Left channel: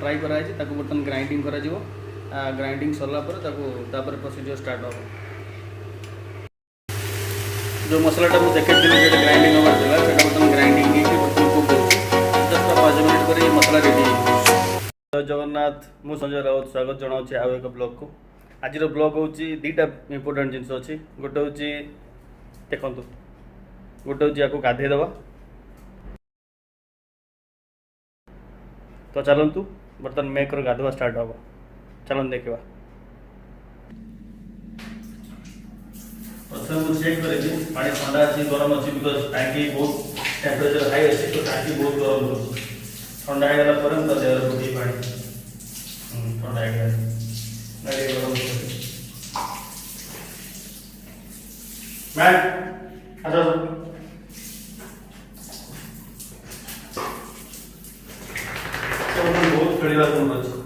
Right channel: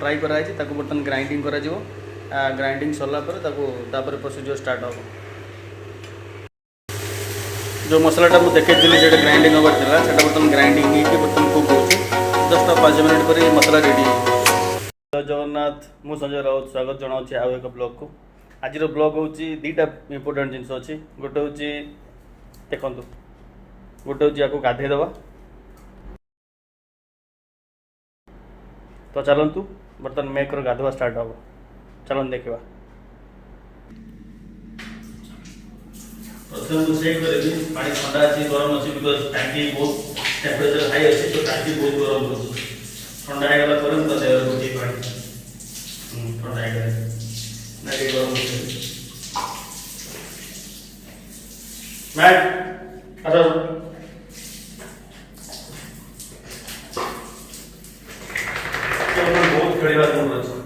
Try कराई बर्तमान grinding करा ग्राइंडिंग सरला प्रोसीजर स्टार्ट हो जो मसलाटा मुझे देखी जो ग्राइंडिंग होबार था से बर्तमान ग्राइंडिंग बर्तमान कुक हो जस्ट 5 मिनट पर मसला रेडी जय जगन्नाथ मु संजय राउत स्वागत जनाऊँ आउ एक ब्लॉग को आज ब्लॉग हूँ दीटा इंपोर्टेंट जिनस अच्छी गोटे हूँ देखु गोटे हूँ या गाधेदवा तो चलतु बर्तमान मेकर गाधवा स्टार्ट हम चलते देखा प्रथम मुझे चेक करी पानी ठंडा अच्छी गरम अच्छी बिकज टांकी बहुत टेम्परेचर हाई अच्छी तो टांकी बहुत गरम हो ठंडा होगा तो देवर गोटे पानी ठंडा है गरम बहुत खेल अच्छा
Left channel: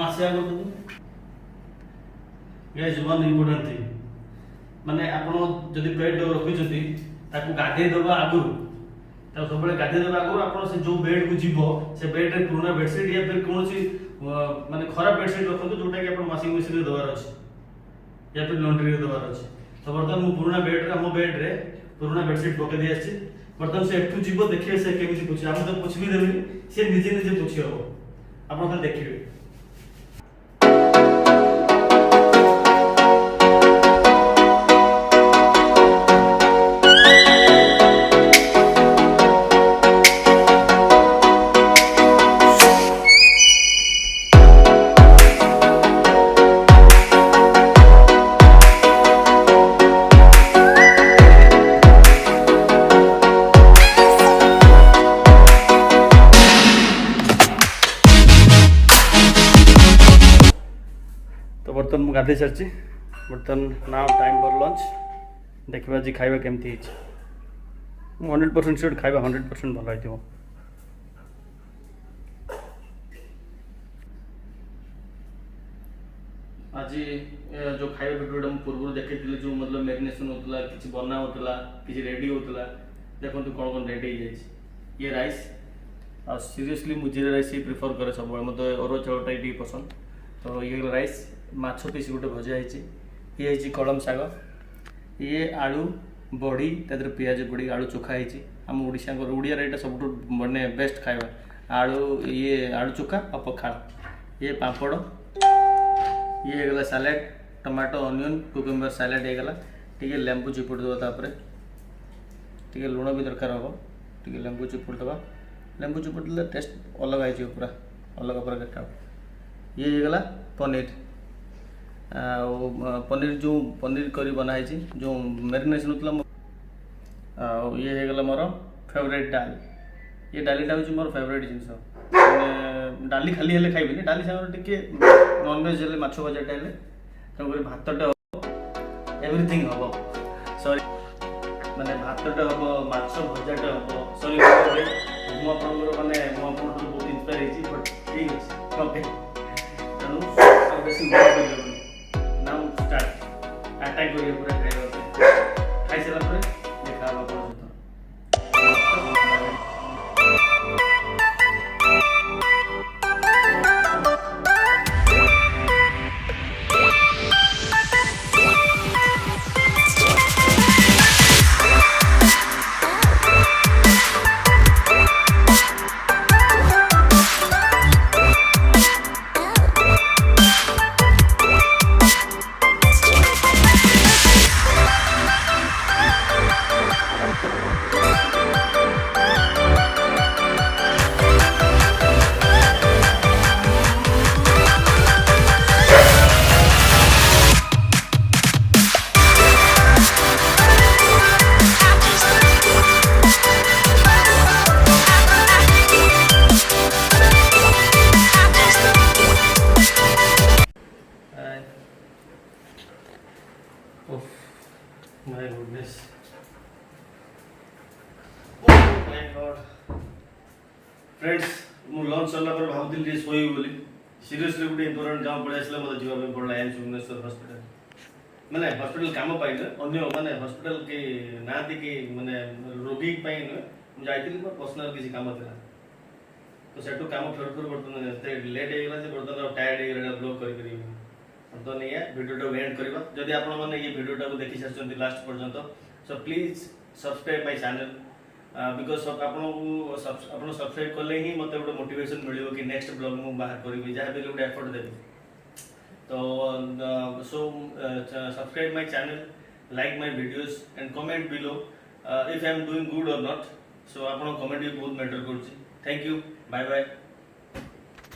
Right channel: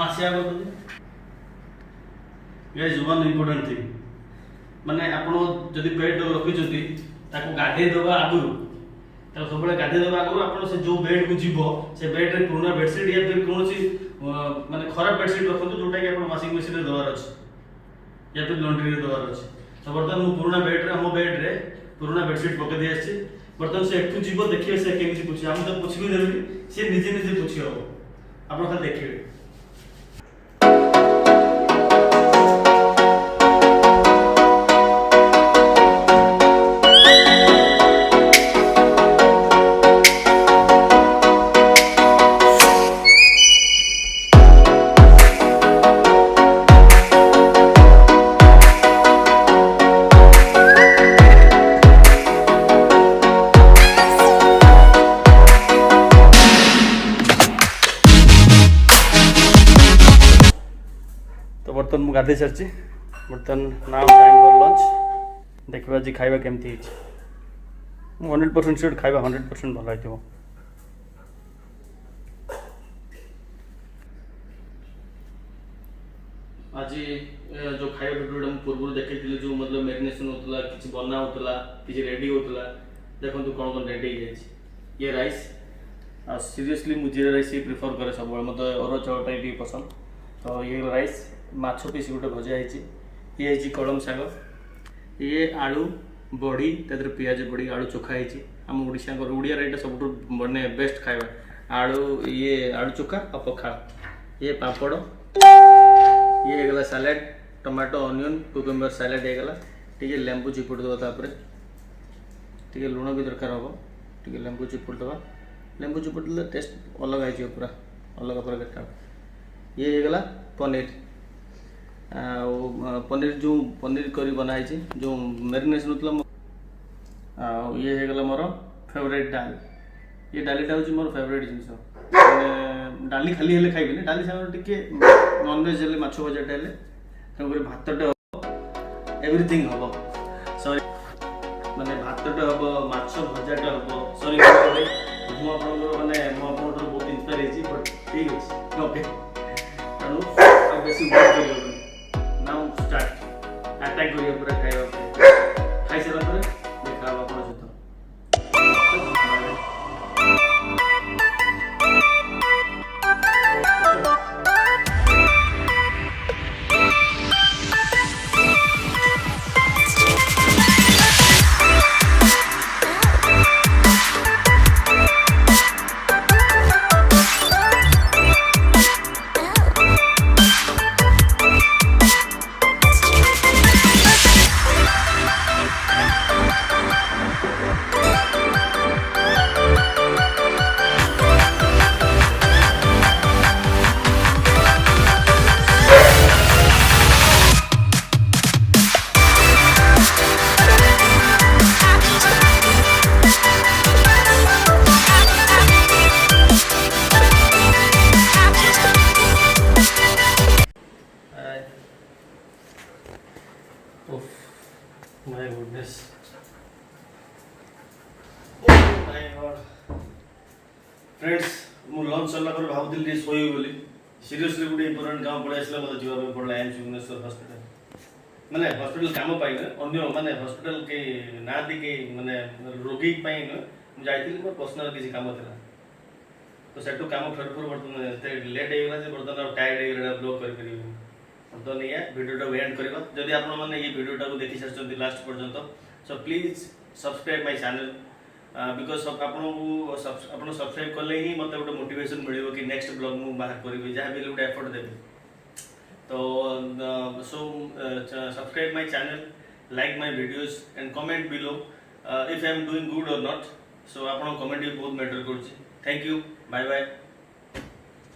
आसिया वन इम्पोर्टेंट थिंग माने आपण जदि बेड रखी गाधे देवा आगु सब गाधे देवा आगु आप जो बेड को जीव से बेड रे पुराना बेडसीट या फिर कौन माने खराब बेडसीट रखु जोटा कि वाशिंग मशीन रे देवार अच्छे या फिर लॉन्ड्री रे देवार अच्छे तो बर्तमान मु पुराना बेड रे हम बेड रे पुराना बेडसीट पके दी आछि बर्तमान से एकटू जीव देखिए से केमिति पुछि हम तो पुछि भी देबी से निजे निजे पुछि हो आपण खाली देखिए तो बर्तमान मुझे गाधे सारी बर्तमान नाउ टाइम फॉर लंच देखा आज खाଇବା केमती 100% श्योर खाଇବା 100% भल हो आज जो खाଇବା वीडियो पूर्व देखी जो मतलब मैरिनेशन होता किसी बना होता किसी रेडी होता देखो कौन कौन रेडी ये राइस सीरियसली मुझे राइस ही प्रिफर करे सब मतलब अरुआ चाउलटा ये पसंद तो ये राइस माछ पीस गोटे भजा ये कलम शाग ये आलू बड़ी तादर पियाज पड़ी आलू चोखा है आम ओडिया ओडिया यहाँ सब बने बेस्ट खाଇବା आलू ये आलू चोखा और पखाड़ ये पापड़ ये गला salad tomato onion cucumber salad होगला टी लेंबू चिपुड़ देव टी लुण भी दरकार हम टी लेंबू चिपुड़ देवा लेंबू चिपुड़ दे टेस्ट अलग आई पूरा अलग प्रकार ये होगला पनीर पनीर जो पनीर करी बनाई जो मैरिनेशन होता ये होगला मोर फेवरेट डाल ये डालीटा हूँ मोर फेवरेट जिन डाली खाली हेल्ले खाइबे डाली सागर टे नॉनवेज हेल्ले माछ भजाटा हेल्ले तेणुक भातटे हम एवरीथिंग हम सॉरी माने भातटे हम माछ भजाटा हम सॉरी मुझे माने बहुत इंस्पायर बट ठीक अच्छे ओके तेणु बेसी नाउ स्टार्ट अटैक करिए पूरा खाଇବା खाई सारा देखा अपन सहित फ्रेंड्स मु लंच सरला पर भाबुଥିଲି जे सोई बोली सीरियसली गोटे इंपोर्टेंट काम पड़े आसला मतलब जीवा पे पड़ला एम्स भुवनेश्वर हॉस्पिटल माने हॉस्पिटल काम पाइन अन्य माने हॉस्पिटल के ना दिके माने रोगी पाइन जाइଥିଲି मोर पर्सनल किसी काम थिला तो सेटू काम फेर फेर बर्तन एते लेट हे गेला जे बर्तन टायर्ड हे गेला ब्लॉग कर करी तो नहीं है वीडियो एंड करबा जदि आपण माने ये वीडियो को देखि सचंती लास्ट पर्यंत so please subscribe my channel because आपन सब्सक्राइब कले ही मते गोटे मोटिवेशन मिलियो कि नेक्स्ट ब्लॉग मु बाहर करबी जहाँ भी गोटे एफर्ट देबी तो so subscribe my channel like my videos and comment below if I am doing good और नॉट सो आपन कमेंट भी बहुत मैटर करछि थैंक यू बाय बाय।